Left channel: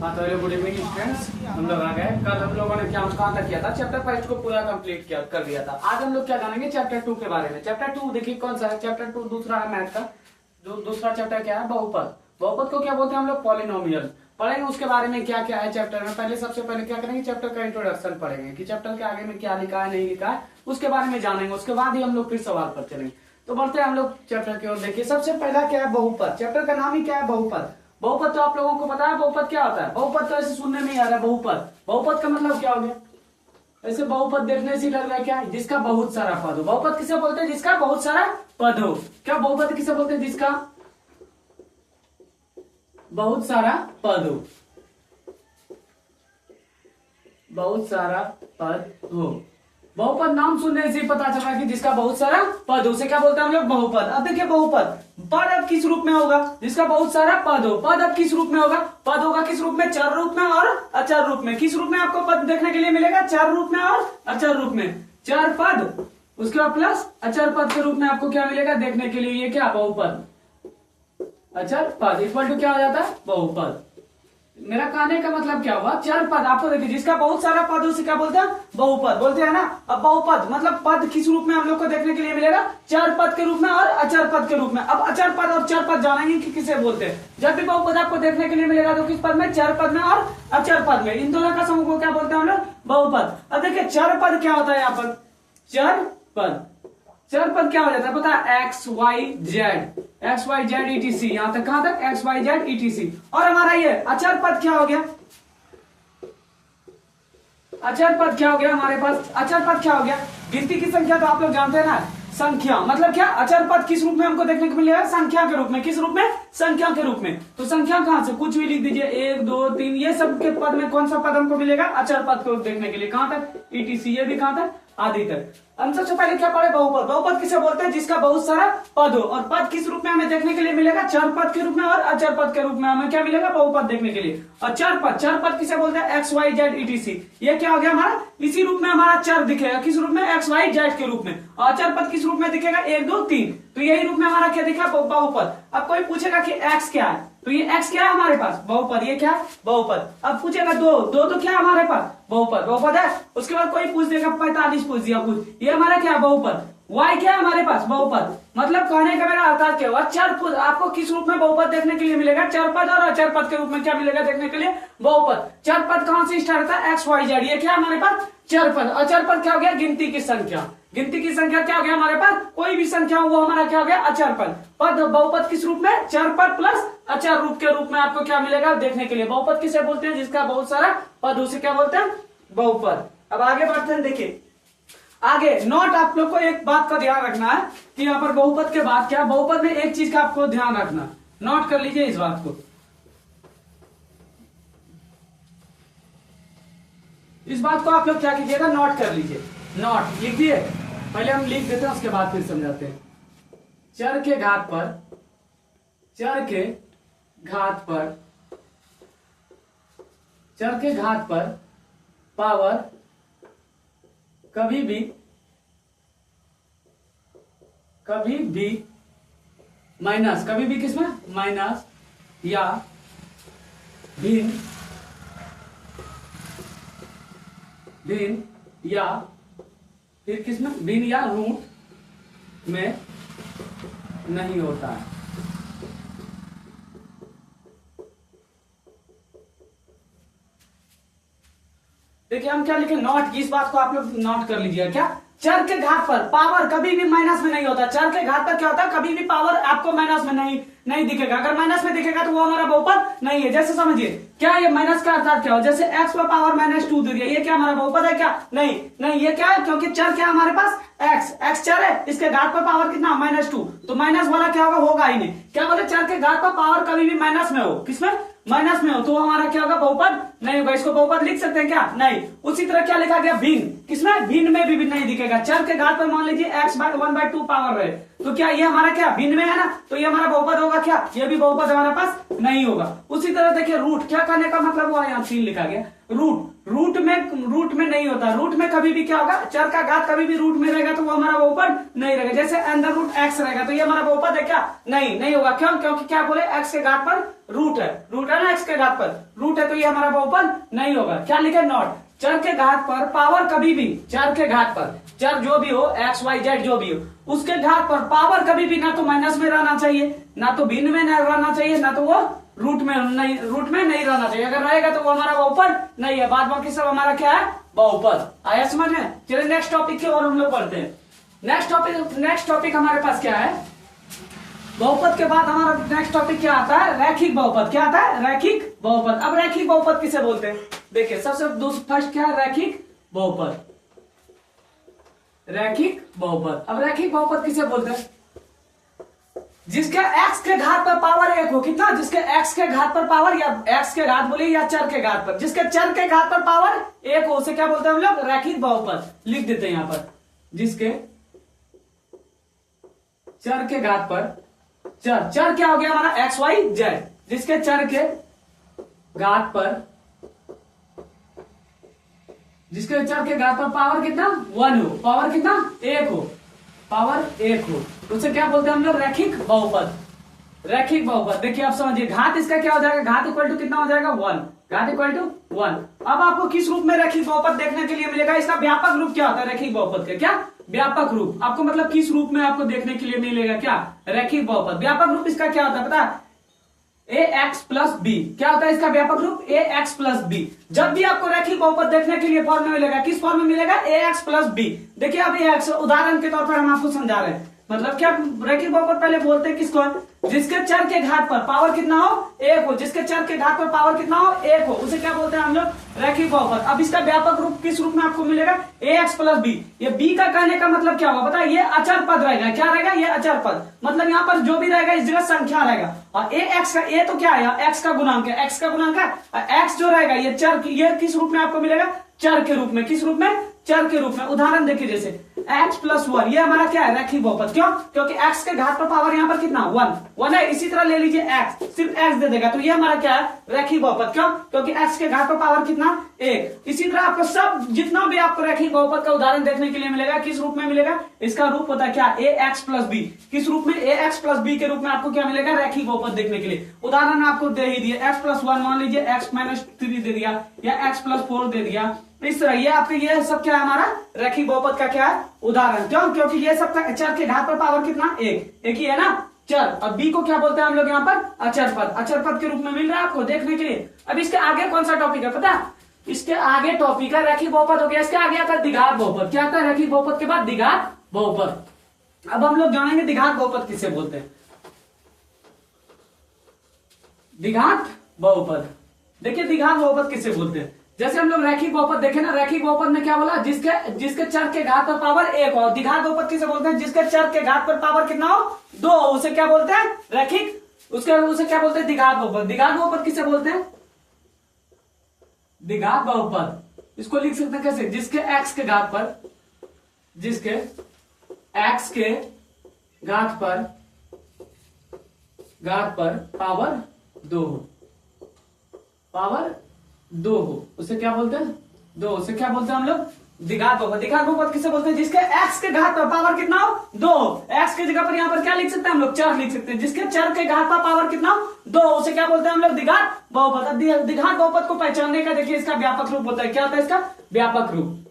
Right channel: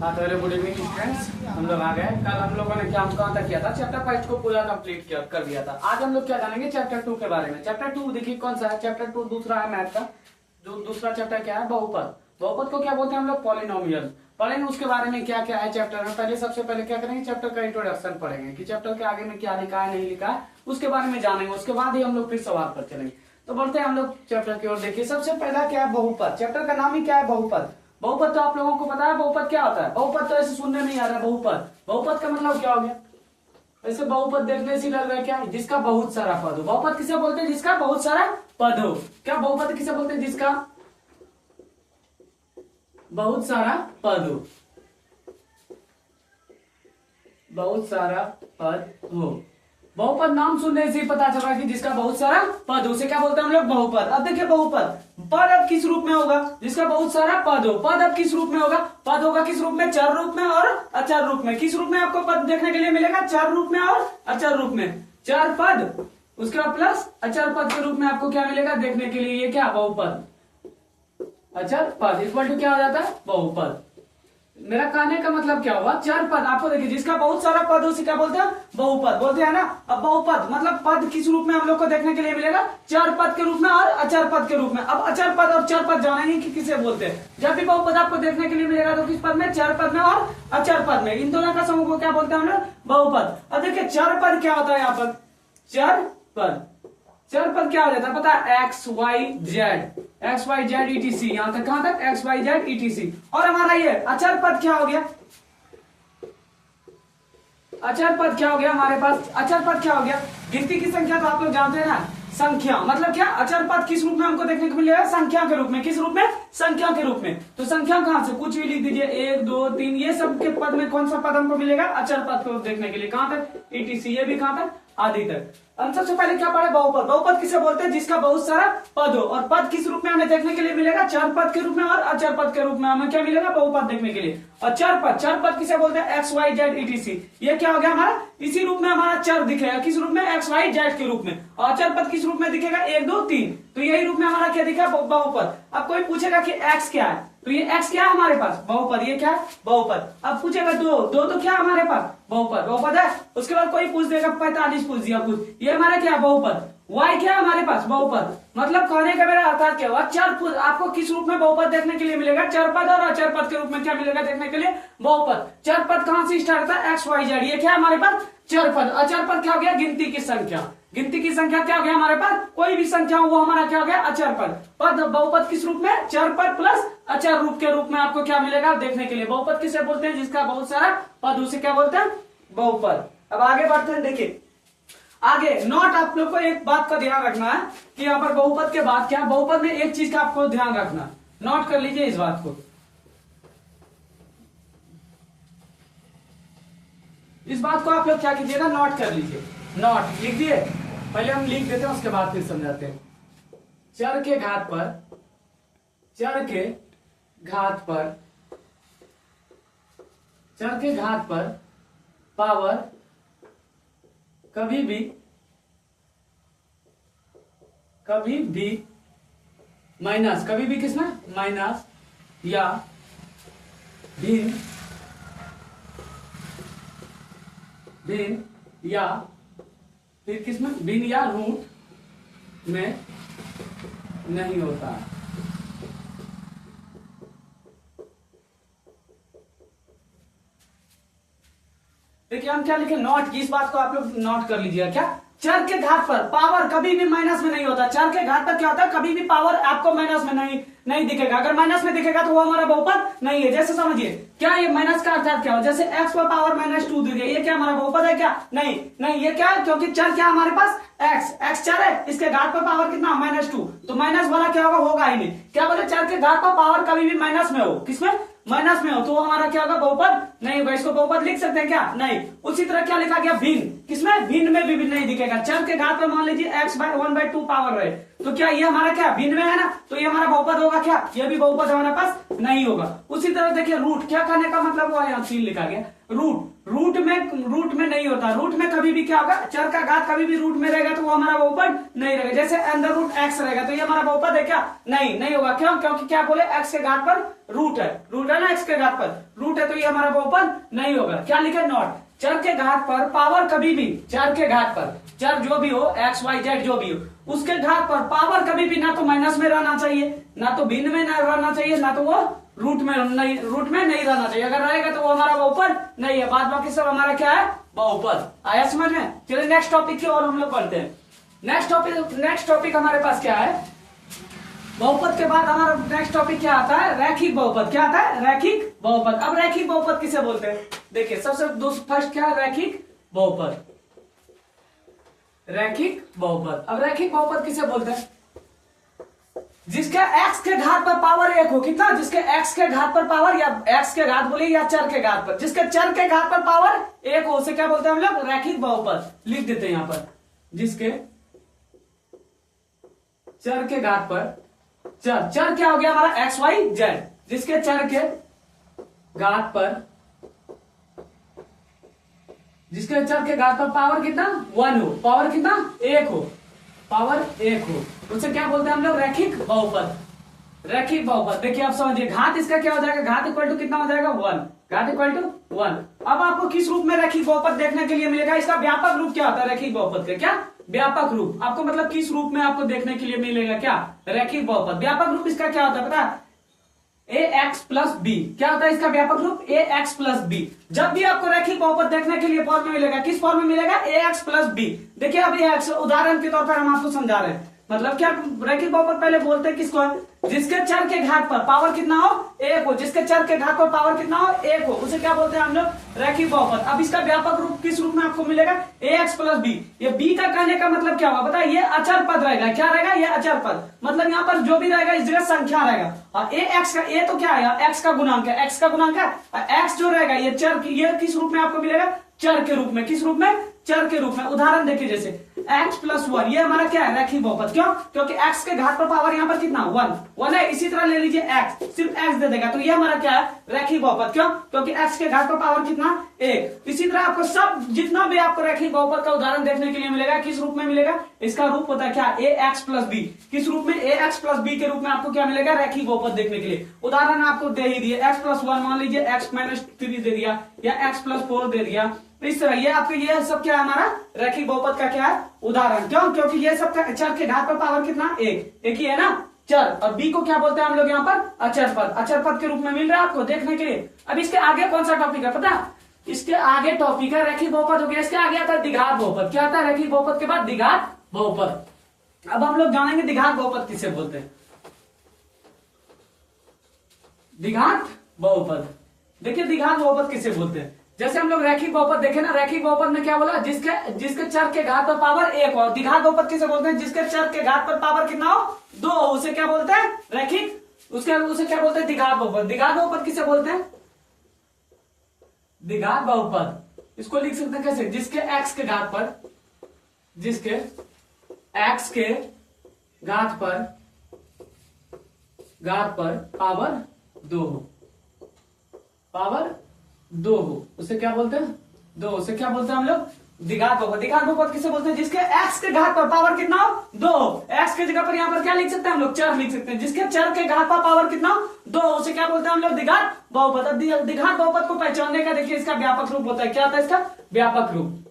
हाँ तो hello good evening students. हम लोग आ गए। कल हम लोगों ने क्या कहाँ तक किया था, चैप्टर 5 को पूरा कंप्लीट किया कर दिया था। आज हम लोग क्या जानेंगे चैप्टर 2 के बारे में। चैप्टर 2 देखिए कौन सा है। चैप्टर 2 दूसरा है मैथ का। जो दूसरा चैप्टर क्या है, बहुपद। बहुपद को क्या बोलते हैं हम लोग, पॉलिनोमियल। पढ़ेंगे उसके बारे में क्या क्या है चैप्टर में। पहले सबसे पहले क्या करेंगे, चैप्टर का इंट्रोडक्शन पढ़ेंगे कि चैप्टर के आगे में क्या लिखा है नहीं लिखा है, उसके बारे में जानेंगे। उसके बाद ही हम लोग फिर सवाल पर चलेंगे। तो बढ़ते हैं हम लोग चैप्टर की ओर। देखिए सबसे पहला क्या है, बहुपद। चैप्टर का नाम ही क्या है, बहुपद। बहुपद तो आप लोगों को पता है बहुपद क्या होता है। बहुपद तो ऐसे सुनने में ही आ रहा है। बहुपद, बहुपद का मतलब क्या हो गया। ऐसे बहुपद देखने से लग रहा है क्या, जिसका बहुत सारा पद हो। बहुपद किसे बोलते हैं, जिसका बहुत सारा पद हो। क्या बहुपद किसे बोलते हैं, जिसका बहुत सारा पद हो। बहुत सारा पद हो। बहुपद नाम सुनने से ही पता चल रहा है कि जिसका बहुत सारा पद हो, उसे क्या बोलते हैं हम लोग, बहुपद। अब देखिए बहुपद, पद अब किस रूप में होगा, जिसका बहुत सारा पद हो। पद अब किस रूप में होगा, पद होगा किस रूप में, चर रूप में और अचर रूप में। किस रूप में आपको पद देखने के लिए मिलेगा, चर रूप में और अचर रूप में। चर पद उसके बाद प्लस अचर पद के रूप में आपको क्या मिलेगा देखने के लिए, ये क्या, बहुपद। अचर पद इक्वल टू क्या हो जाता है, बहुपद। मेरा कहने का मतलब क्या हुआ, चार पद आपको देखिए, जिसका बहुत सारा पद उसे क्या बोलते हैं, बहुपद बोलते हैं ना। अब बहुपद मतलब पद किस रूप में हम लोग को देखने के लिए मिलेगा, चार पद के रूप में और अचर पद के रूप में। अब अचर पद और चार पद जानेंगे कि किसे बोलते हैं। जब भी बहुपद आपको देखने के लिए मिलेगा तो किस पद में, चार पद में और अचर पद में। इन दोनों का समूह को क्या बोलते हैं हम लोग, बहुपद। अब देखिए चार पद क्या होता है यहाँ पर, चार पद। चार पद क्या हो जाता है पता है, एक्स वाई जेड ईटीसी। यहां तक कहां तक, एक्स वाई जेड ईटीसी। और हमारा ये अचर पद क्या हो गया, अचर पद क्या हो गया हमारे पास, अचर पद क्या हो गया, गिनती की संख्या तो आप लोग जानते हैं ना, संख्या मतलब क्या, अचर पद किस रूप में हमको देखने को मिलेगा, संख्या के रूप में। किस रूप में, संख्या के रूप में। तो संख्या कहां से, कुछ भी लिख दीजिए, 1 2 3, ये सब के पद में कौन सा पद हमको मिलेगा, अचर पद को देखने के लिए। कहां तक, ईटीसी, ये भी कहां तक, आदि तक। हम सबसे पहले क्या पढ़े, बहुपद। बहुपद किसे बोलते हैं, जिसका बहुत सारा पद हो। और पद किस रूप में हमें देखने के लिए मिलेगा, चर पद के रूप में और अचर पद के रूप में हमें क्या मिलेगा, बहुपद देखने के लिए। और चर पद किसे बोलते हैं, एक्स वाई जेड ईटीसी। ये क्या हो गया हमारा, इसी रूप में हमारा चर दिखेगा, किस रूप में, एक्स वाई जेड के रूप में। और अचर पद किस रूप में दिखेगा, 1 2 3। तो यही रूप में हमारा क्या दिखा, बहुपद। अब कोई पूछेगा कि एक्स क्या है, तो ये x क्या है हमारे पास, बहुपद। ये क्या है, बहुपद। अब पूछेगा दो तो क्या है हमारे पास, बहुपद है। उसके बाद कोई पूछ देगा 45 पूछ दिया कुछ, ये हमारा क्या है, बहुपद। y क्या है हमारे पास, बहुपद। मतलब कहने का मेरा अर्थ क्या हुआ, चर पद आपको किस रूप में बहुपद देखने के लिए मिलेगा, चर पद और अचर पद के रूप में क्या मिलेगा देखने के लिए, बहुपद। चर पद कहां से स्टार्ट होता है, एक्स वाई जेड। ये क्या हमारे पास, चर पद। अचर पद क्या हो गया, गिनती की संख्या। गिनती की संख्या क्या हो गया हमारे पास, कोई भी संख्या हो वो हमारा क्या हो गया, अचर पद। पद बहुपद किस रूप में, चर पद प्लस अचर रूप के रूप में आपको क्या मिलेगा देखने के लिए। बहुपद किसे बोलते हैं, जिसका बहुत सारा पद, उसे क्या बोलते हैं, बहुपद। अब आगे बढ़ते हैं, देखिए आगे नोट। आप लोग को एक बात का ध्यान रखना है कि यहाँ पर बहुपद के बाद क्या, बहुपद में एक चीज का आपको ध्यान रखना, नोट कर लीजिए इस बात को। इस बात को आप लोग क्या कीजिएगा, नोट कर लीजिए। नोट लिख दिए, पहले हम लिख देते हैं उसके बाद फिर समझाते हैं। चर के घात पर, चर के घात पर, चर के घात पर पावर कभी भी माइनस, कभी भी किसमें, माइनस या भिन्न या फिर किसमें, भिन्न या रूट में नहीं होता है। देखिए हम क्या लिखे, नोट। इस बात को आप लोग नोट कर लीजिए। क्या, चर के घात पर पावर कभी भी माइनस में नहीं होता। चर के घात पर क्या होता है, कभी भी पावर आपको माइनस में नहीं दिखेगा। अगर माइनस में दिखेगा तो वो हमारा बहुपद नहीं है। जैसे समझिए क्या, ये माइनस का अर्थात क्या हो, जैसे x पर पावर -2 दी गई, ये क्या हमारा बहुपद है क्या, नहीं ये क्या है, क्योंकि चर क्या हमारे पास, x चर है, इसके घात पर पावर कितना, -2। तो माइनस वाला क्या होगा ही नहीं। क्या बोले, चर के घात पर पावर कभी भी माइनस में हो, किसमें, माइनस में हो, तो हमारा क्या होगा, बहुपद नहीं होगा। इसको बहुपद लिख सकते हैं क्या, नहीं। उसी तरह क्या लिखा गया, भिन्न, किसमें, भिन्न में भी नहीं दिखेगा। चर के घात पर मान लीजिए x/1/2 पावर है, तो क्या ये हमारा क्या, भिन्न में है ना, तो ये हमारा बहुपद होगा क्या, ये भी बहुपद हमारे पास नहीं होगा। उसी तरह देखिए रूट, क्या करने का मतलब हुआ, यहाँ 3 लिखा गया। रूट में नहीं होता। रूट में कभी भी क्या होगा, चर का घात कभी भी रूट में रहेगा तो वो हमारा बहुपद नहीं रहेगा। जैसे अंडर रूट एक्स रहेगा तो ये हमारा बहुपद है क्या, नहीं होगा। क्यों, क्योंकि क्या बोले, एक्स के घात पर रूट है ना, एक्स के घात पर रूट है तो ये हमारा बहुपद नहीं होगा। क्या लिखे, नॉट। चर के घात पर पावर कभी भी, चर के घात पर, चर जो भी हो, एक्स वाई जेड जो भी हो, उसके घात पर पावर कभी भी ना तो माइनस में रहना चाहिए, ना तो भिन्न में रहना चाहिए, ना तो वो रूट में नहीं रहना चाहिए। अगर रहेगा तो वो हमारा बहुपद नहीं है। बाद बाकी सब हमारा क्या है, बहुपद। आया समझ में। चलिए नेक्स्ट टॉपिक की और हम लोग पढ़ते हैं। नेक्स्ट टॉपिक हमारे पास क्या है, बहुपद के बाद हमारा नेक्स्ट टॉपिक क्या आता है, रैखिक बहुपद। क्या आता है, रैखिक बहुपद। अब रैखिक बहुपद किसे बोलते हैं, देखिए सबसे फर्स्ट क्या है, रैखिक बहुपद। रैखिक बहुपद, अब रैखिक बहुपद किसे बोलते हैं, जिसके x के घात पर पावर एक हो। कितना, जिसके x के घात पर पावर, या x के घात बोले या चर के घात पर, जिसके चर के घात पर पावर एक हो, उसे क्या बोलते हैं हम लोग, रैखिक बहुपद। लिख देते हैं यहां पर, जिसके चर के घात पर, चर क्या हो गया हमारा, एक्स वाई जेड, जिसके चर के घात पर, जिसके चर के घात पर पावर कितना, 1 हो, पावर कितना, 1 हो, पावर 1 हो, उसे क्या बोलते हैं हम लोग, रैखिक बहुपद। रैखिक बहुपद देखिए आप समझिए, घात इसका क्या हो जाएगा, घात इक्वल टू कितना हो जाएगा, 1, घात इक्वल टू 1। अब आपको किस रूप में रैखिक बहुपद देखने के लिए मिलेगा, इसका व्यापक रूप क्या होता है रैखिक बहुपद का, क्या व्यापक रूप। आपको मतलब किस रूप में आपको देखने के लिए मिलेगा, क्या रैखिक बहुपद। व्यापक रूप इसका क्या होता है पता है, ax प्लस बी। क्या होता है इसका व्यापक रूप, ax प्लस बी। जब भी आपको रैखिक बहुपद देखने के लिए फॉर्म में मिलेगा, किस फॉर्म में मिलेगा, ax प्लस बी। देखिए अब ये उदाहरण के तौर पर हम आपको समझा रहे हैं, मतलब क्या रैखिक बहुपद पहले बोलते हैं किसको, जिसके चर के घात पर पावर कितना हो, 1 हो, जिसके चर के घात पर पावर कितना हो, 1 हो, उसे क्या बोलते हैं हम लोग, रैखिक बहुपद। अब इसका व्यापक रूप किस रूप में आपको मिलेगा, ax प्लस बी। ये b का कहने का मतलब क्या होगा पता है, ये अचर पद रहेगा। क्या रहेगा, ये अचर पद, मतलब यहाँ पर जो भी रहेगा इस जगह संख्या रहेगा। और ax का, a तो क्या है, x का गुणांक है, x का गुणांक है, x जो रहेगा ये चर, ये किस रूप में आपको मिलेगा, चर के रूप में। किस रूप में, चर के रूप में। उदाहरण देखिए जैसे x प्लस 1, ये हमारा क्या है, रैखिक बहुपद। क्यों, क्योंकि x के घात पर पावर यहाँ पर कितना, 1 है। इसी तरह ले लीजिए x, सिर्फ x दे देगा तो ये हमारा क्या है, रैखिक बहुपद। क्यों, क्योंकि x के घात पर पावर कितना, 1। इसी तरह आपको सब जितना भी आपको रैखिक बहुपद का उदाहरण देखने के लिए मिलेगा, किस रूप में मिलेगा, इसका रूप होता है क्या, ax प्लस बी। किस रूप में, ax प्लस बी के रूप में आपको क्या मिलेगा, रैखिक बहुपद देखने के लिए। उदाहरण आपको दे ही दिए, x प्लस 1 मान लीजिए, x माइनस 3 दे दिया, या x प्लस 4 दे दिया। इस तरह ये आपके, ये सब क्या है हमारा रैखिक बहुपद का क्या है, उदाहरण। क्यों, क्योंकि ये सब का चर के घात पर पावर कितना, 1 ही है ना, चर। और बी को क्या बोलते हैं हम लोग यहाँ पर, अचर पद। अचर पद के रूप में मिल रहा है आपको देखने के लिए। अब इसके आगे कौन सा टॉपिक है पता, इसके आगे टॉपिक है रैखिक बहुपद हो गया, इसके आगे आता है द्विघात बहुपद। क्या आता है, रैखिक बहुपद के बाद द्विघात बहुपद। अब हम लोग जानेंगे द्विघात बहुपद किसे बोलते हैं। द्विघात बहुपद, देखिए द्विघात बहुपद किसे बोलते हैं। जैसे हम लोग रैखिक बहुपद देखे ना, रैखिक बहुपद में क्या बोला, जिसके चर के घात पर पावर 1 हो। द्विघात बहुपद किसे बोलते हैं, जिसके चर के घात पर पावर कितना हो, 2 हो, उसे क्या बोलते हैं, रैखिक। उसे क्या बोलते हैं, द्विघात बहुपद। द्विघात बहुपद किसे बोलते हैं, द्विघात बहुपद। इसको लिख सकते हैं कैसे, जिसके x के घात पर, जिसके x के घात पर पावर 2 हो, पावर 2 हो, उसे क्या बोलते हैं, 2, उसे क्या बोलते हैं हम लोग, द्विघात बहुपद। द्विघात बहुपद किसे बोलते हैं, जिसके x के घात पर पावर कितना हो, 2 हो। x के जगह पर यहाँ पर क्या लिख सकते हैं हम लोग, चर लिख सकते हैं। जिसके चर के घात पर पावर कितना हो, 2, उसे क्या बोलते हैं हम लोग, द्विघात बहुपद। अब द्विघात बहुपद को पहचानने का देखिए इसका व्यापक रूप होता है। क्या होता है इसका व्यापक रूप,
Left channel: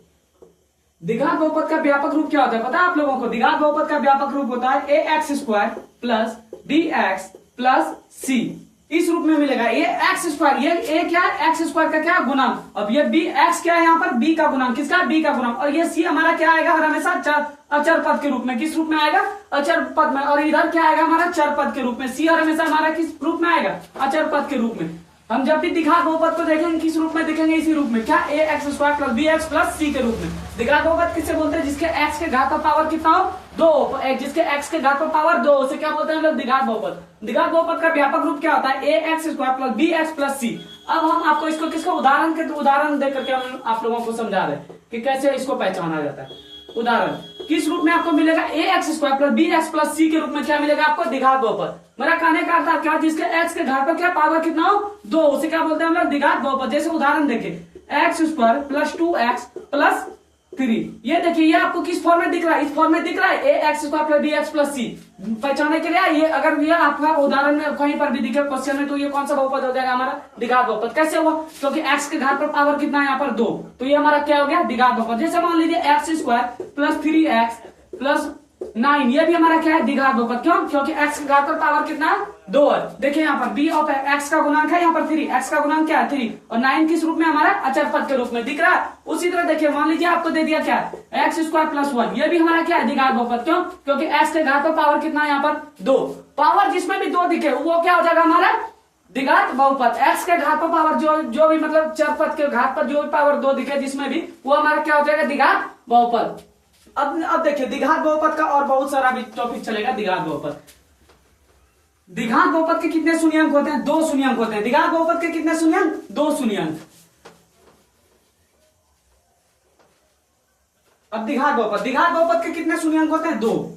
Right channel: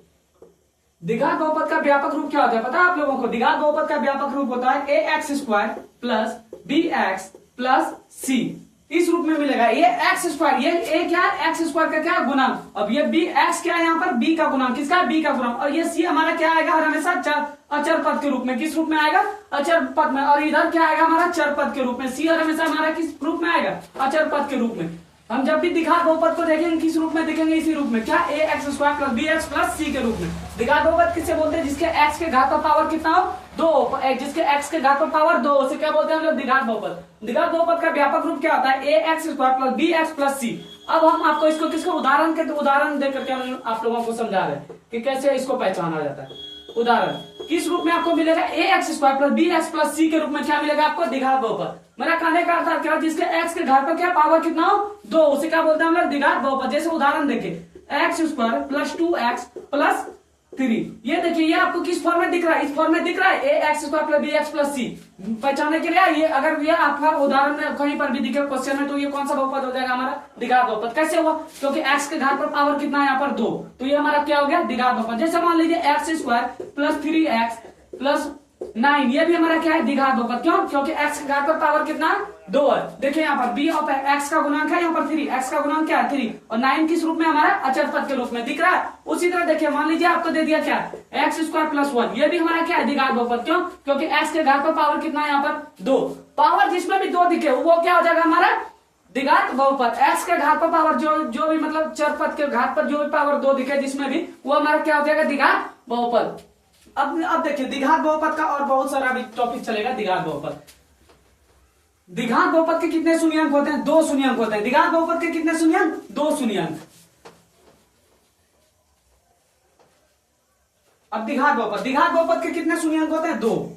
द्विघात बहुपद का व्यापक रूप क्या होता है पता है आप लोगों को। द्विघात बहुपद का व्यापक रूप होता है ax square plus bx plus c। इस रूप में मिलेगा। ये एक्स स्क्वायर, ये ए क्या है, एक्स स्क्वायर का क्या है, गुणांक। अब ये बी, एक्स क्या है यहाँ पर, बी का गुणांक। किसका, बी का गुणांक। और ये सी हमारा क्या आएगा, और हमेशा अचर पद के रूप में। किस रूप में आएगा, अचर पद में। और इधर क्या आएगा हमारा, चर पद के रूप में। सी और हमेशा हमारा किस रूप में आएगा, अचर पद के रूप में। हम जब भी द्विघात बहुपद को देखेंगे किस रूप में देखेंगे, इसी रूप में। क्या, a x square plus b x plus c के रूप में। द्विघात बहुपद किससे बोलते हैं, जिसके एक्स के घात पर पावर कितना हो, 2, जिसके एक्स के घात पर पावर 2, उसे क्या बोलते हैं हम लोग, द्विघात बहुपद। द्विघात बहुपद का व्यापक रूप क्या होता है, a x square plus b x plus c. अब हम आपको इसको किसको उदाहरण देकर के हम आप लोगों को समझा रहे हैं कि कैसे इसको पहचाना जाता है। उदाहरण किस रूप में आपको मिलेगा, a x square plus b x plus c के रूप में क्या मिलेगा आपको, द्विघात बहुपद। मेरा कहने का अर्थ क्या, जिसके एक्स के घात पर क्या पावर कितना हो, 2, उसे क्या बोलते हैं हम लोग, द्विघात बहुपद। जैसे उदाहरण देखें, x square plus 2x plus 3। ये देखिए, ये आपको किस फॉर्म में दिख रहा है? इस फॉर्म में दिख रहा है, a x square plus b x plus c. पहचानने के लिए ये, अगर ये आपका उदाहरण में कहीं पर भी दिखे क्वेश्चन में, तो ये कौन सा बहुपद हो जाएगा हमारा? द्विघात बहुपद। कैसे हुआ? क्योंकि एक्स के घात पर पावर कितना है यहाँ पर? 2, तो ये हमारा क्या हो गया? द्विघात बहुपद। जैसे मान लीजिए x square plus 3x plus 9, ये भी हमारा क्या है? द्विघात बहुपद। क्यों? क्योंकि x के घात पर पावर कितना है? 2 है। देखिए यहाँ पर b ऑफ x का गुणांक है यहाँ पर 3, x का गुणांक क्या है? 3, और 9 किस रूप में? हमारा अचर पद के रूप में दिख रहा है। उसी तरह देखिए, मान लीजिए आपको दे दिया क्या? एक्स स्क्वायर प्लस 1, ये भी हमारा क्या है? द्विघात बहुपद। क्यों? क्योंकि x के घात पर पावर कितना है यहाँ पर? 2। पावर जिसमें भी 2 दिखे वो क्या हो जाएगा हमारा? द्विघात बहुपद। x के घात पर पावर जो भी मतलब चर पद के घात पर जो भी पावर 2 दिखे जिसमें भी, वो हमारा क्या हो जाएगा? द्विघात बहुपद। अब देखिए, द्विघात बहुपद का और बहुत सारा भी टॉपिक चलेगा। द्विघात बहुपद, द्विघात बहुपद के कितने शून्यंक होते हैं? 2 शून्यंक होते हैं। द्विघात बहुपद के कितने शून्यंक? 2 शून्यंक। अब द्विघात बहुपद के कितने शून्यंक होते हैं? 2।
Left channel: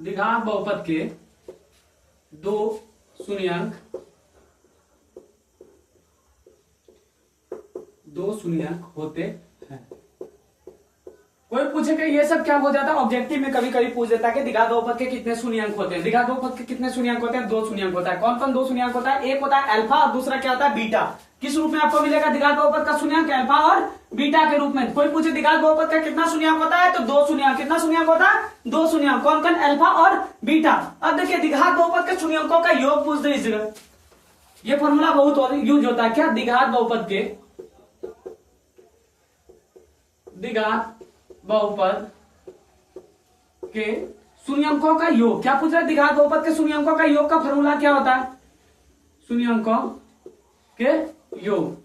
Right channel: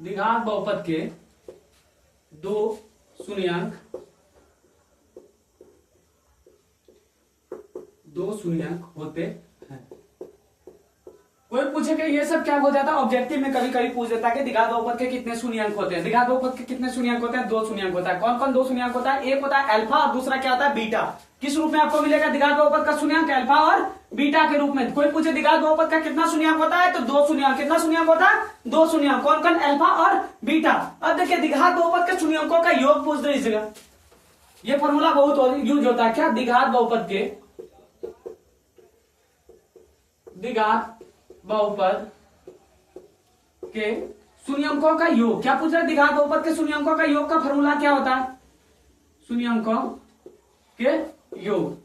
द्विघात बहुपद के 2 शून्यंक, 2 शून्यंक होते हैं। कोई पूछे कि ये सब क्या हो जाता है? ऑब्जेक्टिव में कभी कभी पूछ देता है कि द्विघात बहुपद के कितने शून्यंक होते हैं। द्विघात बहुपद के कितने शून्यंक होते हैं? 2 शून्यंक होता है। कौन कौन 2 शून्यंक होता है? एक होता है अल्फा और दूसरा क्या होता है? बीटा। किस रूप में आपको मिलेगा द्विघात बहुपद का शून्यंक? अल्फा और बीटा के रूप में। कोई पूछे द्विघात बहुपद का कितना शून्यंक होता है? तो 2 शून्यंक। कितना शून्यंक होता है? 2 शून्यंक। कौन कौन? अल्फा और बीटा। अब देखिए, द्विघात बहुपद के शून्यंकों का योग पूछ दीजिएगा। ये फॉर्मूला बहुत यूज होता है। क्या? द्विघात बहुपद के, द्विघात बहुपद के शून्यंकों का योग। क्या पूछ रहा है? द्विघात बहुपद के शून्यंकों का योग का फॉर्मूला क्या होता है? शून्यंकों के योग।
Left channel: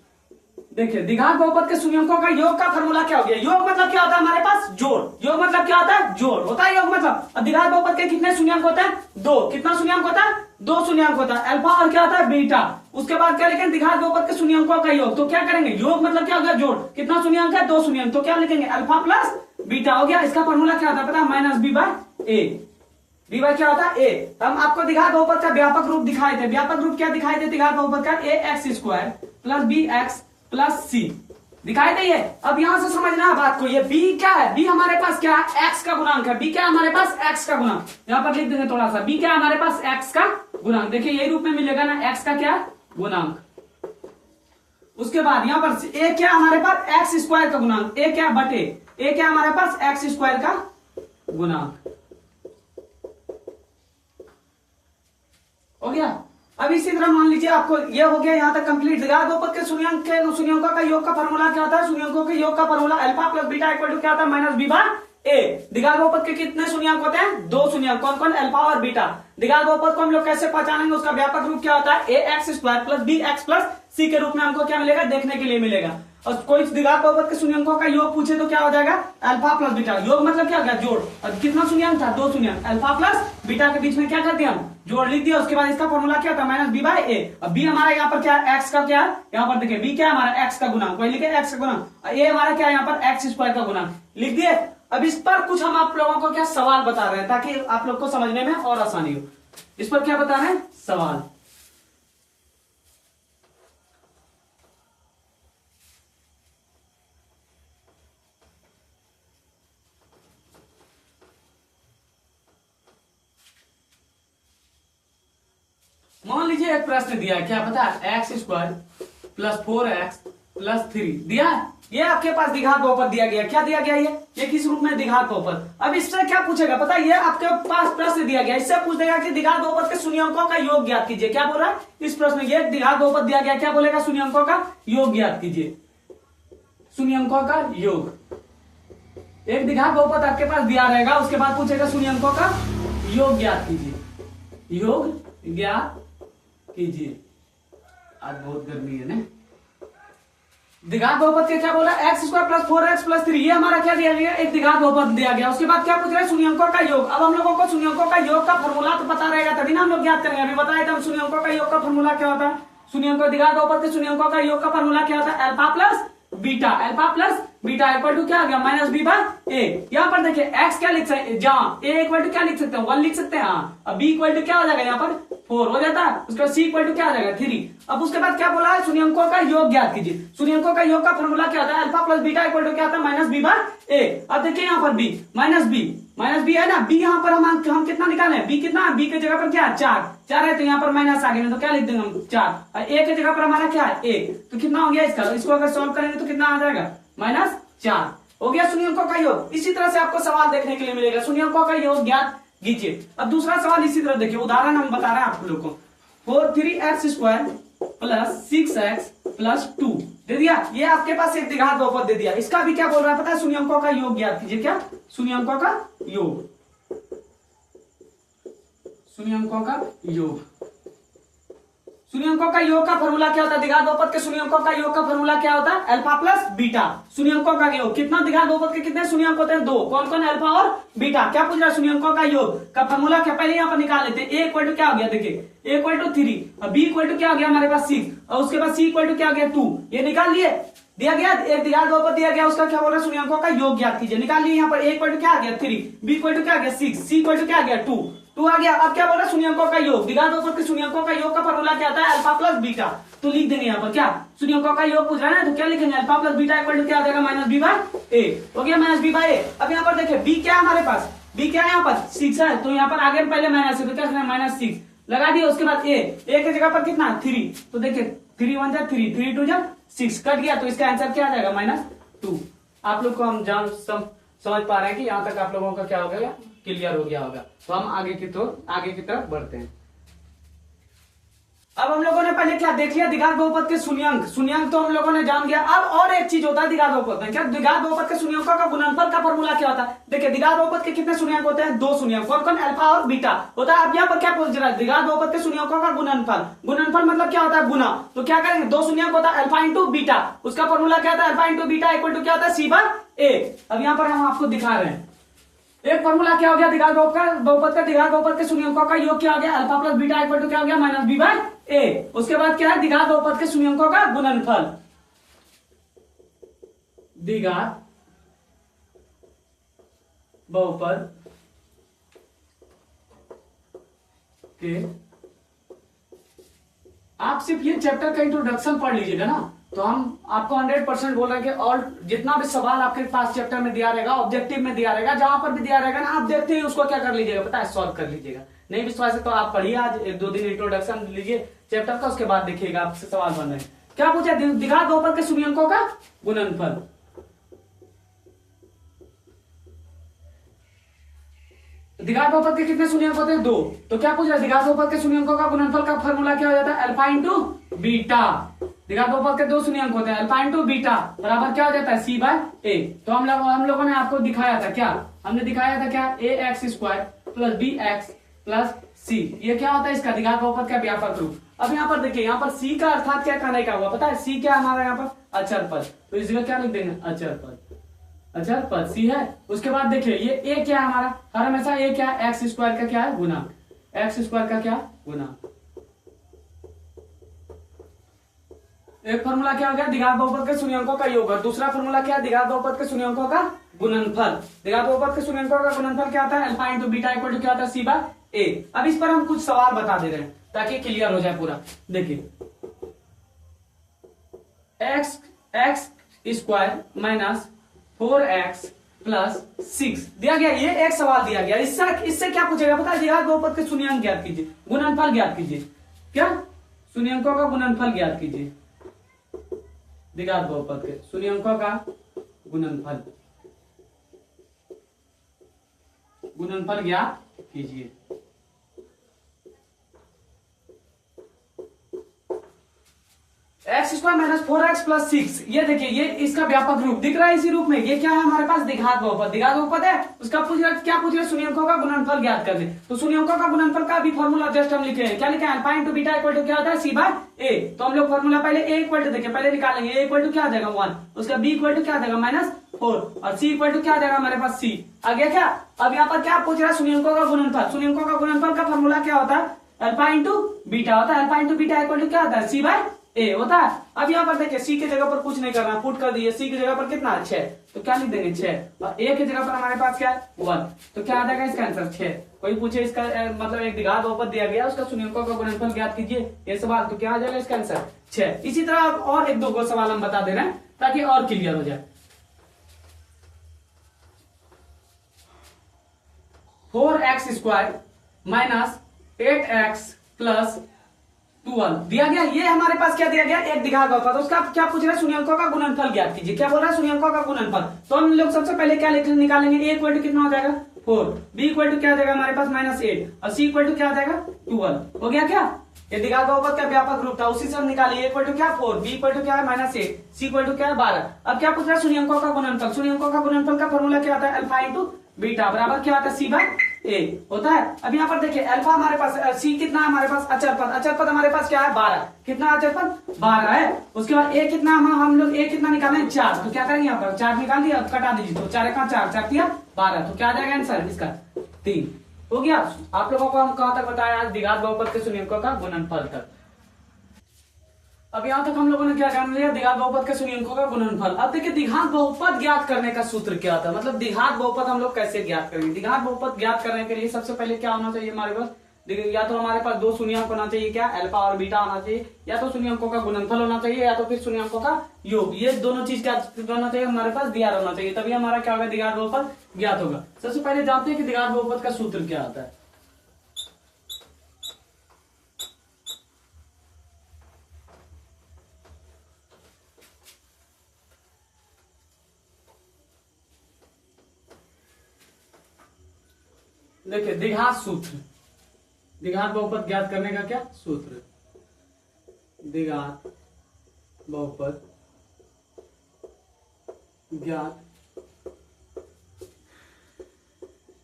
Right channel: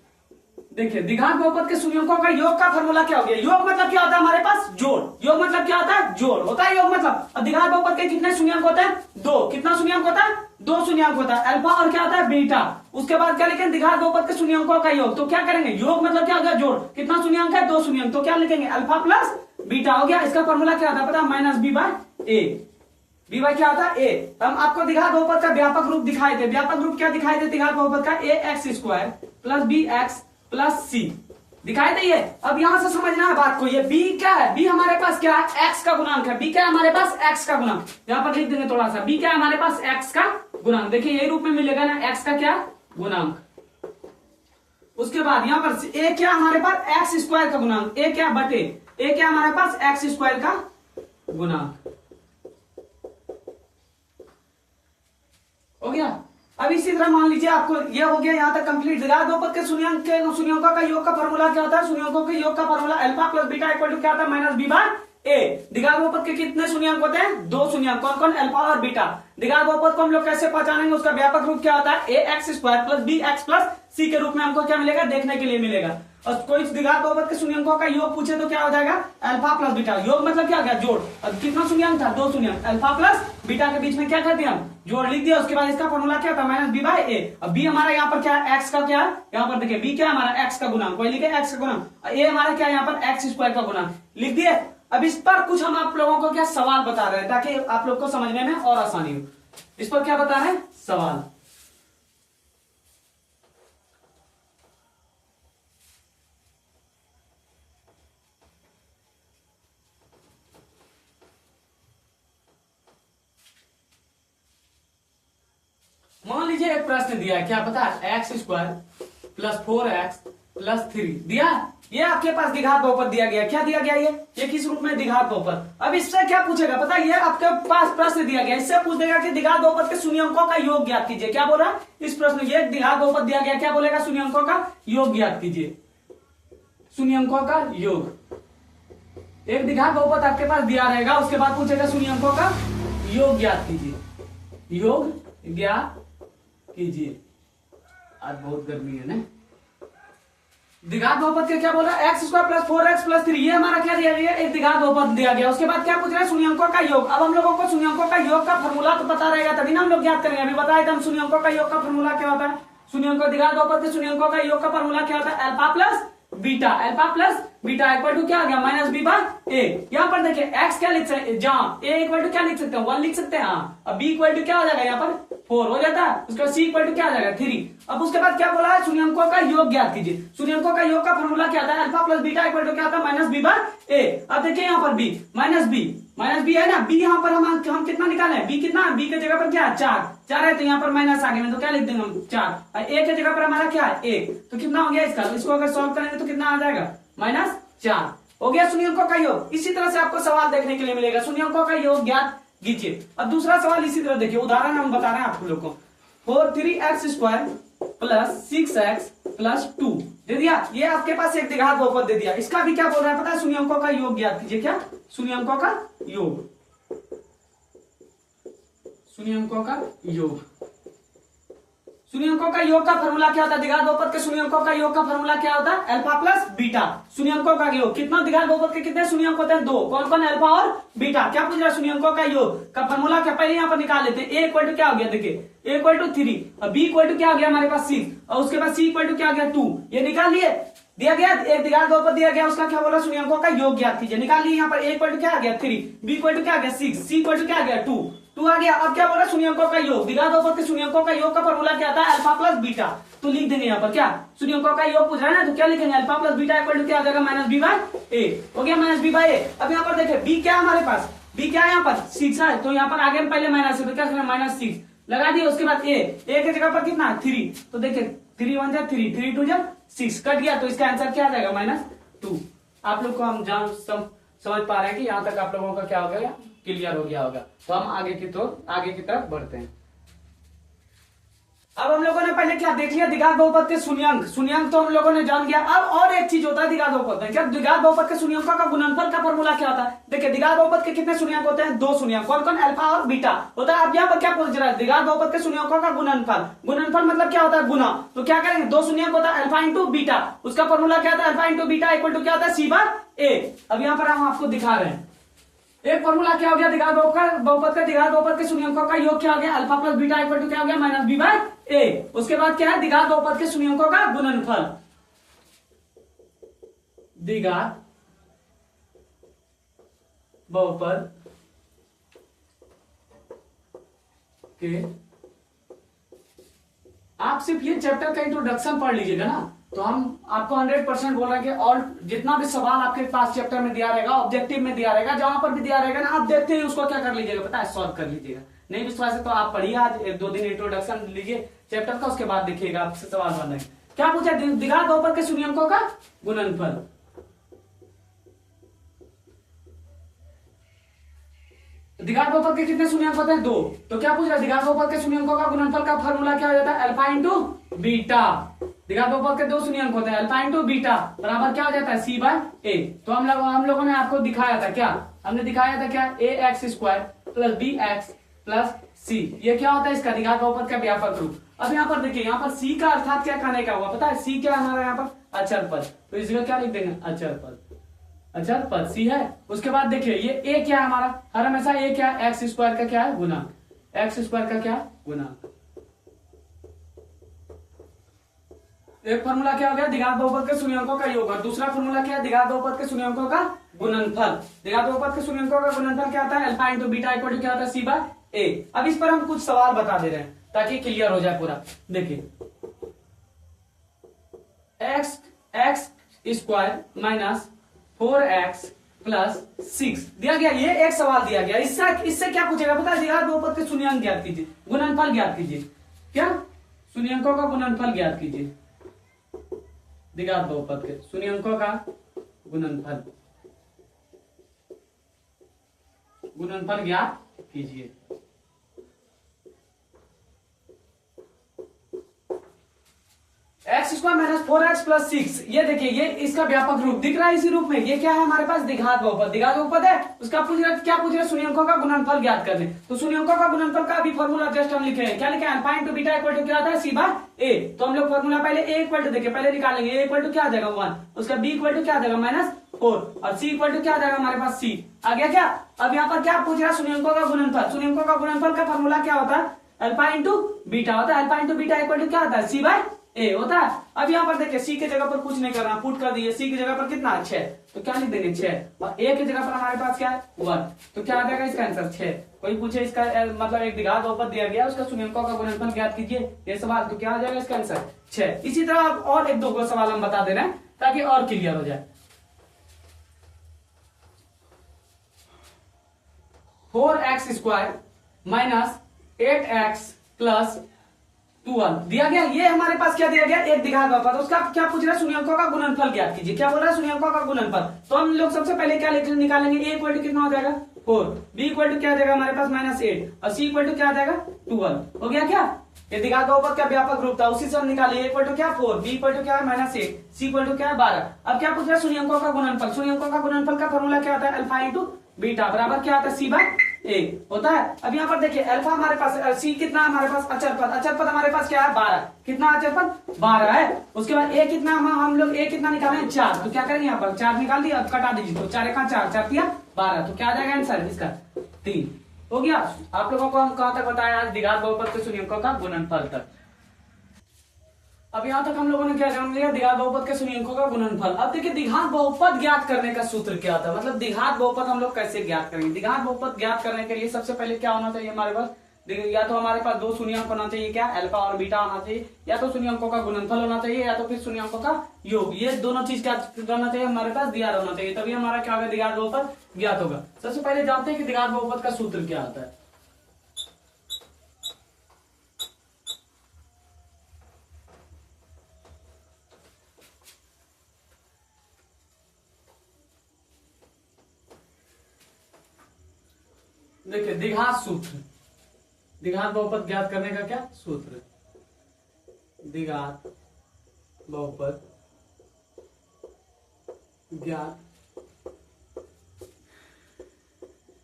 देखिए, द्विघात बहुपद के शून्यंकों का योग का फॉर्मूला क्या हो गया? योग मतलब क्या होता है हमारे पास? जोड़। योग मतलब क्या होता है? जोड़ होता है योग मतलब। और द्विघात बहुपद के कितने शून्यंक होते हैं? 2। कितना शून्यंक होता है? 2 शून्यंक होता है। अल्फा और क्या होता है? बीटा। उसके बाद क्या लिखेंगे? द्विघात बहुपद के शून्यंकों का योग। तो क्या करेंगे? योग मतलब क्या हो गया? जोड़। कितना शून्यंक है? 2 शून्यंक। तो क्या लिखेंगे? अल्फा प्लस बीटा हो गया। इसका फॉर्मूला क्या होता है पता है? Minus b by A. B bye क्या होता है? ए। हम आपको द्विघात बहुपद का व्यापक रूप दिखाए थे। व्यापक रूप क्या दिखाए थे द्विघात बहुपद का? A x square plus b x plus c दिखाई दे। अब यहां से समझना है बात को। ये b क्या है? b हमारे पास क्या है? x का गुणांक है। b क्या है हमारे पास? x का गुणांक। यहां पर लिख देंगे थोड़ा सा। b क्या है हमारे पास? x का गुणांक। देखिए, यही रूप में मिलेगा ना, x का क्या गुणांक। उसके बाद यहां पर a क्या हमारे पास? x स्क्वायर का गुणांक। a क्या बटे a क्या हमारे पास? x स्क्वायर का गुणांक। हो गया। अब इसी तरह मान लीजिए आपको ये हो गया यहाँ तक कंप्लीट। द्विघात बहुपद के शून्यंकों का योग का फॉर्मूला क्या होता है? शून्यंकों के योग का formula alpha plus beta equal to क्या होता है? Minus b by a. द्विघात बहुपद के कितने शून्यंक होते हैं? 2 शून्यंक। कौन कौन? अल्फा और बीटा। द्विघात बहुपद को हम लोग कैसे पहचानेंगे? उसका व्यापक रूप क्या होता है? A x square plus b x plus c के रूप में हमको क्या मिलेगा? देखने के लिए मिलेगा। और कोई द्विघात बहुपद के शून्यंकों का योग पूछे तो क्या हो जाएगा? Alpha plus beta. योग मतलब क्या हो गया? जोड़। और कितना शून्यंक था? 2 शून्यंक। अल्फा प्लस बीटा के बीच में क्या कर दिया हम? जोड़ लिख दिया। उसके बाद इसका फॉर्मूला क्या था? माइनस बी बाय ए। अब बी हमारा यहाँ पर क्या है? एक्स का क्या है? यहाँ पर देखिए, बी क्या है हमारा? एक्स का गुणांक। वही लिखे एक्स का गुणांक। ए हमारा क्या है यहाँ पर? एक्स स्क्वायर का गुणांक लिख दिए। अब इस पर कुछ हम आप लोगों को क्या सवाल बता रहे हैं ताकि आप लोग को समझने में और आसानी हो। इस पर क्या बता रहे हैं? सवाल। मान लीजिए एक प्रश्न दिया है। क्या पता है? X square plus 4x plus 3 दिया है। ये आपके पास द्विघात बहुपद दिया गया। क्या दिया गया? ये किस रूप में? द्विघात बहुपद। अब इससे क्या पूछेगा पता है? ये आपके पास प्रश्न दिया गया। इससे पूछ देगा कि द्विघात बहुपद के शून्यंकों का योग ज्ञात कीजिए। क्या बोल रहा है इस प्रश्न? ये द्विघात बहुपद दिया गया। क्या बोलेगा? शून्यंकों का योग ज्ञात कीजिए। शून्यंकों का योग। एक द्विघात बहुपद आपके पास दिया रहेगा। उसके बाद पूछेगा शून्यंकों का योग ज्ञात कीजिए। योग ज्ञात कीजिए। आज बहुत गर्मी है ना। द्विघात बहुपद के क्या बोला? X square plus 4x plus 3। ये हमारा क्या दिया गया? एक द्विघात बहुपद दिया गया। उसके बाद क्या पूछ रहे हैं? शून्यंकों का योग। अब हम लोगों को शून्यंकों का योग का फॉर्मूला तो पता रहेगा तभी ना हम लोग ज्ञात करेंगे। अभी बताए थे हम शून्यंकों का योग का फॉर्मूला क्या होता है। शून्यंकों द्विघात बहुपद के शून्यंकों का योग का फॉर्मूला क्या होता है? Alpha plus beta, alpha plus beta equal to क्या आ गया माइनस बी बाय ए। यहाँ पर देखिए एक्स क्या लिख सकते हैं, जहाँ ए इक्वल टू क्या लिख सकते हैं 1 लिख सकते हैं। हाँ, अब बी इक्वल टू क्या हो जाएगा यहाँ पर 4 हो जाता है। उसके बाद सी इक्वल टू क्या आ जाएगा 3। अब उसके बाद क्या बोला है, शून्यंकों का योग ज्ञात कीजिए। शून्यंकों का योग का फॉर्मूला क्या होता है, alpha plus beta equal to क्या होता है माइनस बी बाय ए। अब देखिए यहाँ पर बी माइनस बी है ना, बी यहाँ पर हम कितना निकाले, बी कितना, बी की जगह पर क्या है 4 है, तो यहाँ पर माइनस आ गया, तो क्या लिख देंगे हम 4। ए की जगह पर हमारा क्या है 1, तो कितना हो गया इसका, इसको अगर सॉल्व करेंगे तो कितना आ जाएगा -4 हो गया शून्यंकों का योग। इसी तरह से आपको सवाल देखने के लिए मिलेगा, शून्यंकों का योग ज्ञात कीजिए। अब दूसरा सवाल इसी तरह देखिए, उदाहरण हम बता रहे हैं आप लोग को। 3x² प्लस 6x प्लस 2 दे दिया, ये आपके पास एक द्विघात बहुपद दे दिया। इसका भी क्या बोल रहा है पता है, शून्यंकों का योग ज्ञात कीजिए। क्या, शून्यंकों का योग, शून्यंकों का योग। शून्यंकों का योग का फॉर्मूला क्या होता है, द्विघात बहुपद के शून्यंकों का योग का फॉर्मूला क्या होता है, अल्फा प्लस बीटा। शून्यंकों का योग कितना, द्विघात बहुपद के कितने शून्यंक होते हैं 2, कौन कौन, अल्फा और बीटा। क्या पूछ रहा है, शून्यंकों का योग का फॉर्मूला क्या, पहले यहाँ पर निकाल लेते हैं। ए इक्वल टू क्या हो गया, देखिए ए इक्वल टू 3 और बी इक्वल टू क्या हो गया हमारे पास 6 और उसके बाद सी इक्वल टू क्या हो गया 2। ये निकाल लिए, दिया गया एक द्विघात बहुपद दिया गया, उसका क्या बोला शून्यंकों का योग ज्ञात कीजिए। निकाल लिए यहाँ पर ए इक्वल टू क्या आ गया 3, बी इक्वल टू क्या आ गया 6, सी इक्वल टू क्या आ गया 2 आ गया। अब क्या बोला, शून्यंकों का योग, द्विघात बहुपद के शून्यंकों का योग का फॉर्मूला क्या होता है, अल्फा प्लस बीटा। तो लिख देंगे यहाँ पर क्या, शून्यंकों का योग पूछ रहा है ना, तो क्या लिखेंगे, alpha plus beta equal to क्या आ जाएगा माइनस बी बाय ए। हो गया माइनस बी बाय ए। अब यहाँ पर देखिए बी क्या है हमारे पास, बी क्या है यहाँ पर 6 है, तो यहाँ पर आगे हम पहले माइनस है, तो क्या -6 लगा दिए। उसके बाद ए की जगह पर कितना 3, तो देखिए 3 1 जा 3, 3 2 जा 6 कट गया, तो इसका आंसर क्या आ जाएगा -2। आप लोग को हम समझ पा रहे हैं कि यहाँ तक आप लोगों का क्या हो गया, क्लियर हो गया होगा। तो हम आगे की तरफ बढ़ते हैं। अब हम लोगों ने पहले क्या देख लिया, द्विघात बहुपद के शून्यंक तो हम लोगों ने जान गया। अब और एक चीज होता है द्विघात बहुपद में, क्या द्विघात बहुपद के शून्यंकों का गुणनफल का फॉर्मूला क्या होता है। देखिए द्विघात बहुपद के कितने शून्यंक होते हैं, 2 शून्यंक, कौन कौन, अल्फा और बीटा होता है। अब यहाँ पर क्या पूछ रहा है, द्विघात बहुपद के शून्यंकों का गुणनफल मतलब क्या होता है, गुना। तो क्या करेंगे, 2 शून्यंक होता है अल्फा इंटू बीटा, उसका फॉर्मूला क्या होता है, alpha into beta equal to क्या होता है सी बाय ए। अब यहाँ पर हम आपको दिखा रहे हैं, एक फॉर्मूला क्या हो गया द्विघात बहुपद का द्विघात बहुपद के शून्यंकों का योग क्या हो गया, alpha plus beta equal to क्या हो गया माइनस बी बाय ए। उसके बाद क्या है, द्विघात बहुपद के शून्यंकों का गुणनफल, द्विघात बहुपद के, आप सिर्फ ये चैप्टर का इंट्रोडक्शन पढ़ लीजिएगा ना, तो हम आपको 100% बोल रहे हैं कि और जितना भी सवाल आपके पास चैप्टर में दिया रहेगा, ऑब्जेक्टिव में दिया रहेगा, जहां पर भी दिया रहेगा ना, आप देखते ही उसको क्या कर लीजिएगा पता है, सॉल्व कर लीजिएगा। नहीं विश्वास है तो आप पढ़िए, आज 1-2 दिन इंट्रोडक्शन लीजिए चैप्टर का, उसके बाद देखिएगा आपसे सवाल बन रहे हैं। क्या पूछा, द्विघात बहुपद के शून्यंकों का गुणनफल। द्विघात बहुपद के कितने शून्यंक होते हैं 2, तो क्या पूछ रहा है, द्विघात बहुपद के शून्यंकों का गुणनफल का फॉर्मूला क्या हो जाता है, अल्फा इंटू बीटा। द्विघात बहुपद के 2 शून्यंक होते हैं, अल्फा इंटू बीटा बराबर क्या हो जाता है सी बाय ए। तो हम लोगों ने आपको दिखाया था क्या, हमने दिखाया था क्या, ax² plus bx plus c, ये क्या होता है इसका द्विघात बहुपद का व्यापक रूप। अब यहाँ पर देखिए, यहाँ पर c का अर्थात क्या कहने का हुआ पता है, c क्या हमारा यहाँ पर अचर पद, तो इसको क्या लिख देंगे अचर पद c है। उसके बाद देखिए ये a क्या है हमारा, हर हमेशा a क्या है, x² का क्या है गुना, x² का क्या गुना। एक फॉर्मूला क्या हो गया, द्विघात बहुपद के शून्यंकों का योग, और दूसरा फॉर्मूला क्या है, द्विघात बहुपद के शून्यंकों का गुणनफल। द्विघात बहुपद के शून्यंकों का गुणनफल क्या होता है, alpha into beta equal to क्या होता है सी बाय ए। अब इस पर हम कुछ सवाल बता दे रहे हैं ताकि क्लियर हो जाए पूरा। देखिए x² माइनस 4x प्लस 6 दिया गया, ये एक सवाल दिया गया। इससे क्या पूछेगा पता है, द्विघात बहुपद के शून्यंक ज्ञात कीजिए, गुणनफल ज्ञात कीजिए। क्या, शून्यंकों का गुणनफल ज्ञात कीजिए, द्विघात बहुपद के शून्यंकों का गुणनफल ज्ञात कीजिए। x² माइनस 4x प्लस 6, ये देखिए ये इसका व्यापक रूप दिख रहा है इसी रूप में। ये क्या है हमारे पास, द्विघात बहुपद है, उसका क्या पूछ रहा है, शून्यंकों का गुणनफल ज्ञात करने। तो शून्यंकों का गुणनफल का भी फॉर्मूला जस्ट हम लिखे हैं, क्या लिखे हैं, alpha into beta equal to क्या होता है सी बाय ए। तो हम लोग फॉर्मूला पहले a इक्वल टू देखिए, पहले निकालेंगे, a इक्वल टू क्या आ जाएगा 1, उसका b इक्वल टू क्या आ जाएगा -4 और c इक्वल टू क्या आ जाएगा हमारे पास c आ गया क्या। अब यहाँ पर क्या पूछ रहा है, शून्यंकों का गुणनफल। शून्यंकों का गुणनफल का फॉर्मूला क्या होता है, अल्फा इंटू बीटा होता है, alpha into beta equal to क्या होता है सी बाय ए होता है। अब यहाँ पर देखिए सी के जगह पर कुछ नहीं करना, पुट कर दिए, सी की जगह पर कितना 6, तो क्या लिख देंगे 6, और ए की जगह पर हमारे पास क्या है 1, तो क्या आ जाएगा इसका आंसर 6। कोई पूछे इसका मतलब एक द्विघात बहुपद दिया गया उसका शून्यंकों का गुणनफल ज्ञात कीजिए ये सवाल, तो क्या आ जाएगा इसका आंसर 6। इसी तरह और एक दो को सवाल हम बता दे रहे हैं ताकि और क्लियर हो जाए। 4x² माइनस 8x प्लस 12 दिया गया। ये हमारे पास क्या दिया गया, एक द्विघात बहुपद, उसका क्या पूछ रहा है शून्यंकों का गुणनफल ज्ञात कीजिए। क्या बोल रहा है शून्यंकों का गुणनफल, तो हम लोग सबसे पहले क्या निकालेंगे, ए इक्वल टू कितना हो जाएगा 4, बी इक्वल टू क्या आ जाएगा हमारे पास -8 और सी इक्वल टू क्या आ जाएगा 12। हो गया क्या, ये द्विघात बहुपद का व्यापक रूप था, उसी से हम निकाले। ए इक्वल टू क्या 4, बी इक्वल टू क्या है -8, सी इक्वल टू क्या है 12। अब क्या पूछ रहा है शून्यंकों का गुणनफल, शून्यंकों का गुणनफल का फॉर्मूला क्या आता है अल्फा इंटू बीटा बराबर क्या आता है सी बाय ए होता है। अब यहाँ पर देखिए अल्फा हमारे पास, सी कितना है हमारे पास अचर पद, अचर पद हमारे पास क्या है 12, कितना अचर पद 12 है। उसके बाद ए कितना, हम लोग ए कितना निकालें 4, तो क्या करेंगे यहाँ पर 4 निकाल दिया, कटा दीजिए, तो 4 का 4, 4 दिया 12, तो क्या आ जाएगा आंसर इसका 3। हो गया। आप लोगों को हम कहां तक बताया आज द्विघात बहुपद के शून्यंकों का गुणनफल तक। अब यहाँ तक हम लोगों ने क्या जान लिया, द्विघात बहुपद के शून्यंकों का गुणनफल। अब देखिए द्विघात बहुपद ज्ञात करने का सूत्र क्या होता है, मतलब द्विघात बहुपद हम लोग कैसे ज्ञात करेंगे। द्विघात बहुपद ज्ञात करने के लिए सबसे पहले क्या होना चाहिए हमारे पास, या तो हमारे पास 2 शून्यंक होना चाहिए, क्या अल्फा और बीटा होना चाहिए, या तो शून्यंकों का गुणनफल होना चाहिए, या तो फिर शून्यंकों का योग। ये दोनों चीज क्या होना चाहिए हमारे पास, दिया होना चाहिए, तभी हमारा क्या होगा द्विघात बहुपद ज्ञात होगा। सबसे पहले जानते हैं कि द्विघात बहुपद का सूत्र क्या होता है। देखिए द्विघात सूत्र, द्विघात बहुपद ज्ञात करने का क्या सूत्र, द्विघात बहुपद ज्ञात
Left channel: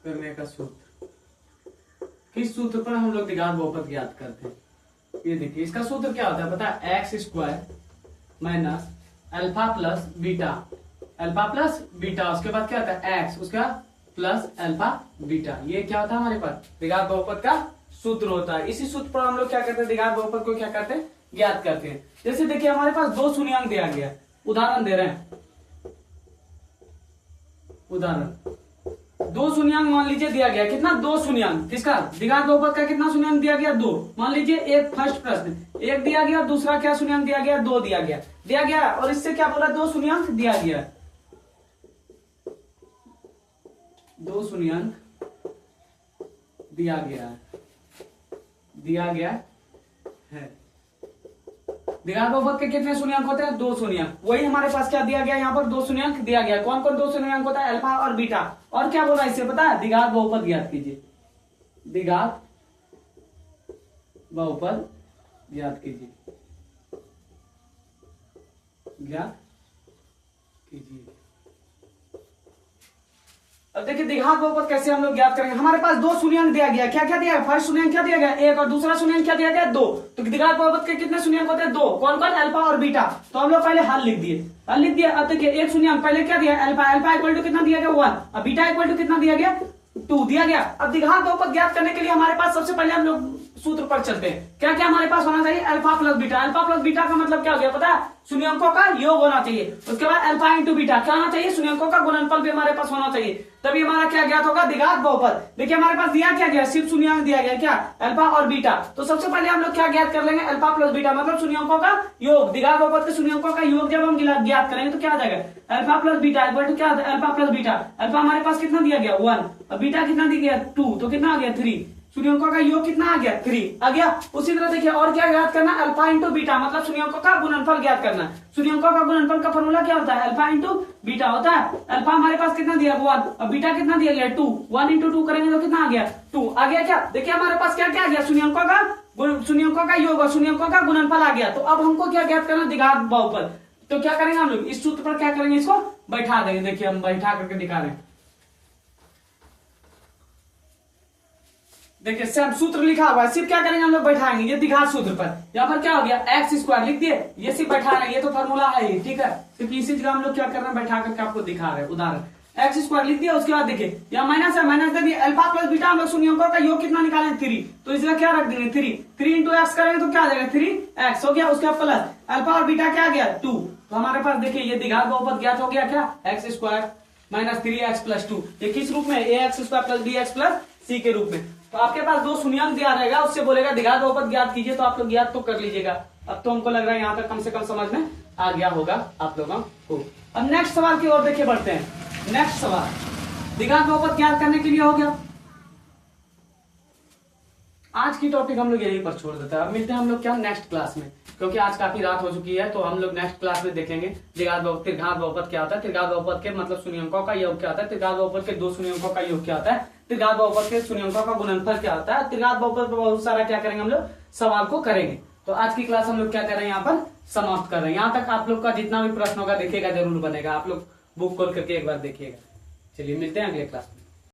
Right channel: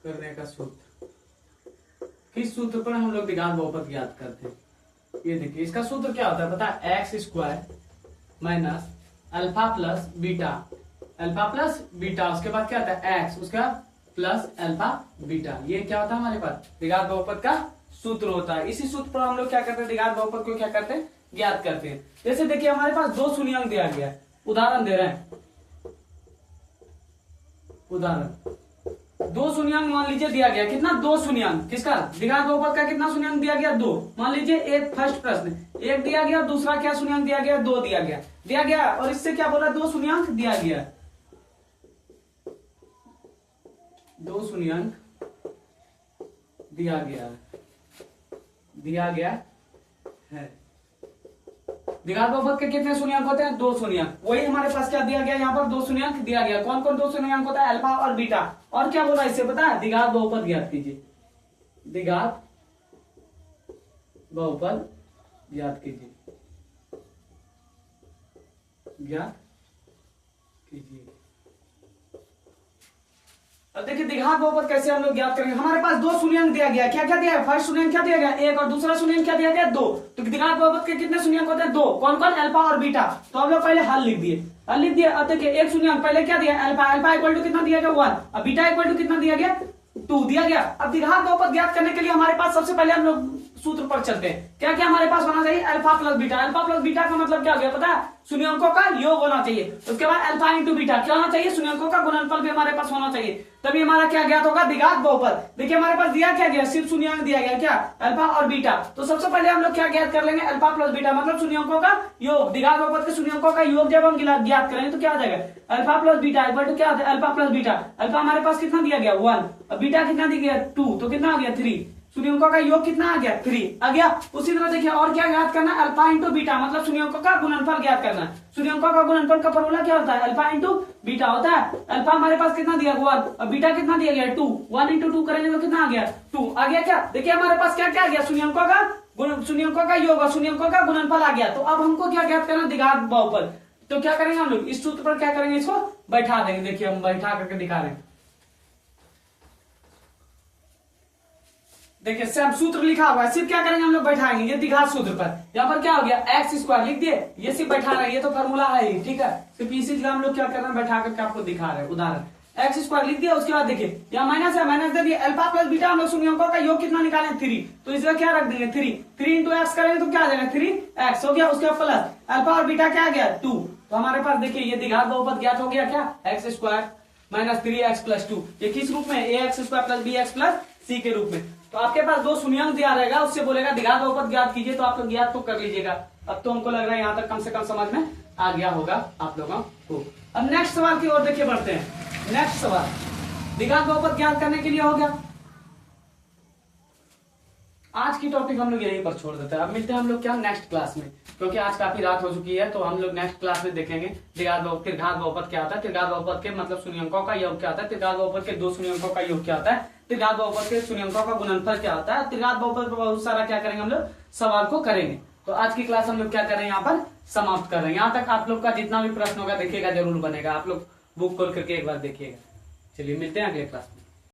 करने का सूत्र, किस सूत्र पर हम लोग द्विघात बहुपद ज्ञात करते हैं। ये देखिए इसका सूत्र क्या होता है पता है, x² minus alpha plus beta, alpha plus beta, उसके बाद क्या होता है x, उसके बाद प्लस अल्फा बीटा, ये क्या होता है हमारे पास द्विघात बहुपद का सूत्र होता है। इसी सूत्र पर हम लोग क्या करते हैं, द्विघात बहुपद को क्या करते हैं ज्ञात करते हैं। जैसे देखिए हमारे पास 2 शून्यंक दिया गया, उदाहरण दे रहे हैं, उदाहरण 2 शून्यंक मान लीजिए दिया गया, कितना 2 शून्यंक, किसका द्विघात बहुपद का कितना शून्यंक दिया गया 2। मान लीजिए एक फर्स्ट प्रश्न 1 दिया गया, दूसरा क्या शून्यंक दिया गया 2 दिया गया, और इससे क्या बोला 2 शून्यंक दिया गया, 2 शून्यंक दिया गया है। द्विघात बहुपद के कितने शून्यंक होते हैं 2 शून्यंक, वही हमारे पास क्या दिया गया यहाँ पर 2 शून्यंक दिया गया। कौन कौन 2 शून्यंक होता है, अल्फा और बीटा, और क्या बोला इससे पता है द्विघात बहुपद ज्ञात कीजिए, द्विघात बहुपद ज्ञात कीजिए, ज्ञात कीजिए। अब देखिए द्विघात बहुपद कैसे हम लोग ज्ञात करेंगे। हमारे पास 2 शून्यंक दिया गया, क्या क्या दिया गया, फर्स्ट शून्यंक क्या दिया गया 1 और दूसरा शून्यंक क्या दिया गया 2, तो द्विघात बहुपद के कितने शून्यंक होते हैं 2, कौन कौन अल्फा और बीटा। तो हम लोग पहले हल लिख दिए। अब देखिए एक शून्यंक पहले क्या दिया अल्फा इक्वल टू कितना दिया गया 1, और बीटा इक्वल टू कितना दिया गया 2 दिया गया। अब द्विघात बहुपद ज्ञात करने के लिए हमारे पास सबसे पहले हम लोग सूत्र पर चलते हैं। क्या क्या हमारे पास होना चाहिए, alpha plus beta. Alpha plus beta का मतलब क्या हो गया पता है, शून्यंकों का योग होना चाहिए। उसके बाद अल्फा इंटू बीटा क्या होना चाहिए, शून्यंकों का गुणनफल भी हमारे पास होना चाहिए, तभी हमारा क्या ज्ञात होगा द्विघात बहुपद। देखिए हमारे पास दिया क्या गया, सिर्फ शून्यंक दिया गया, क्या अल्फा और बीटा। तो सबसे पहले हम लोग क्या ज्ञात कर लेंगे, अल्फा प्लस बीटा मतलब शून्यंकों का योग। द्विघात बहुपद के शून्यंकों का योग जब हम ज्ञात करेंगे तो क्या आ जाएगा, alpha plus beta equal to क्या होता है, अल्फा प्लस बीटा। अल्फा हमारे पास कितना दिया गया 1, और बीटा कितना दिया गया 2, तो कितना आ गया 3। शून्यंकों का योग कितना आ गया 3 आ गया। उसी तरह देखिए और क्या ज्ञात करना, अल्फा इंटू बीटा मतलब शून्यंकों का गुणनफल ज्ञात करना। शून्यंकों का गुणनफल का फॉर्मूला क्या होता है, अल्फा इंटू बीटा होता है। अल्फा हमारे पास कितना दिया 1 और बीटा कितना दिया गया 2, 1 इंटू 2 करेंगे तो कितना आ गया 2 आ गया। क्या देखिए हमारे पास क्या क्या आ गया, शून्यंकों का योग और शून्यंकों का गुणनफल आ गया। तो अब हमको क्या ज्ञात करना, द्विघात बहुपद। तो क्या करेंगे हम लोग इस सूत्र पर क्या करेंगे, इसको बैठा देंगे। देखिए हम बैठा करके दिखा रहे हैं, देखिए सब सूत्र लिखा हुआ है, सिर्फ क्या करेंगे हम लोग बैठाएंगे ये द्विघात सूत्र पर। यहाँ पर क्या हो गया x² लिख दिए, ये सिर्फ बैठा रहे, ये तो फॉर्मूला है ही, ठीक है। सिर्फ इसी जगह हम लोग क्या करना बैठा करके आपको दिखा रहे हैं। उदाहरण एक्स स्क्वायर लिख दिया। उसके बाद देखिए यहाँ माइनस है, माइनस दे दिया, अल्फा प्लस बीटा हम लोग शून्य अंकों का योग कितना निकालें 3, तो इसका क्या रख देंगे 3 इंटू एक्स करेंगे तो क्या आ जाएगा 3x हो गया। उसके बाद प्लस अल्फा और बीटा क्या गया 2, तो हमारे पास देखिए ये द्विघात बहुपद ज्ञात हो गया क्या x square minus 3x plus 2, ये किस रूप में a x square plus b x plus c के रूप में। तो आपके पास दो शून्यांक दिया रहेगा, उससे बोलेगा द्विघात बहुपद ज्ञात कीजिए, तो आप लोग ज्ञात तो कर लीजिएगा। अब तो हमको लग रहा है यहाँ तक कम से कम समझ में आ गया होगा आप लोगों को। अब नेक्स्ट सवाल की ओर देखिए बढ़ते हैं। नेक्स्ट सवाल द्विघात बहुपद ज्ञात करने के लिए हो गया। आज की टॉपिक हम लोग यहीं पर छोड़ देते हैं। अब मिलते हैं हम लोग क्या नेक्स्ट क्लास में, क्योंकि आज काफी रात हो चुकी है। तो हम लोग नेक्स्ट क्लास में देखेंगे त्रिघात बहुपद क्या होता है, त्रिघात बहुपद के मतलब शून्यंकों का योग क्या होता है, त्रिघात बहुपद के दो शून्यंकों का योग क्या होता है, त्रिघात बहुपद के शून्यंकों का गुणनफल क्या होता है, त्रिघात बहुपद पर बहुत सारा क्या करेंगे हम लोग सवाल को करेंगे। तो आज की क्लास हम लोग क्या कर रहे हैं यहाँ पर समाप्त कर रहे हैं। यहाँ तक आप लोग का जितना भी प्रश्न होगा देखिएगा जरूर बनेगा, आप लोग बुक खोल करके एक बार देखिएगा। चलिए मिलते हैं अगले क्लास में।